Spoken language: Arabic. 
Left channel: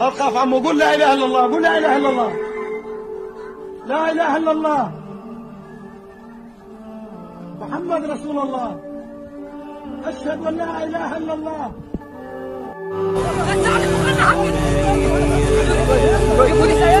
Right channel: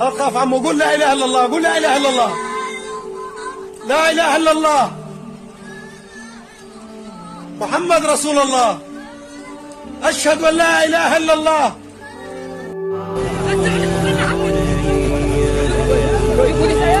أوقف عمو، قول لا إله إلا الله، قول لا إله إلا الله، لا إله إلا الله محمد رسول الله، أشهد أن لا إله إلا الله. Ibu saya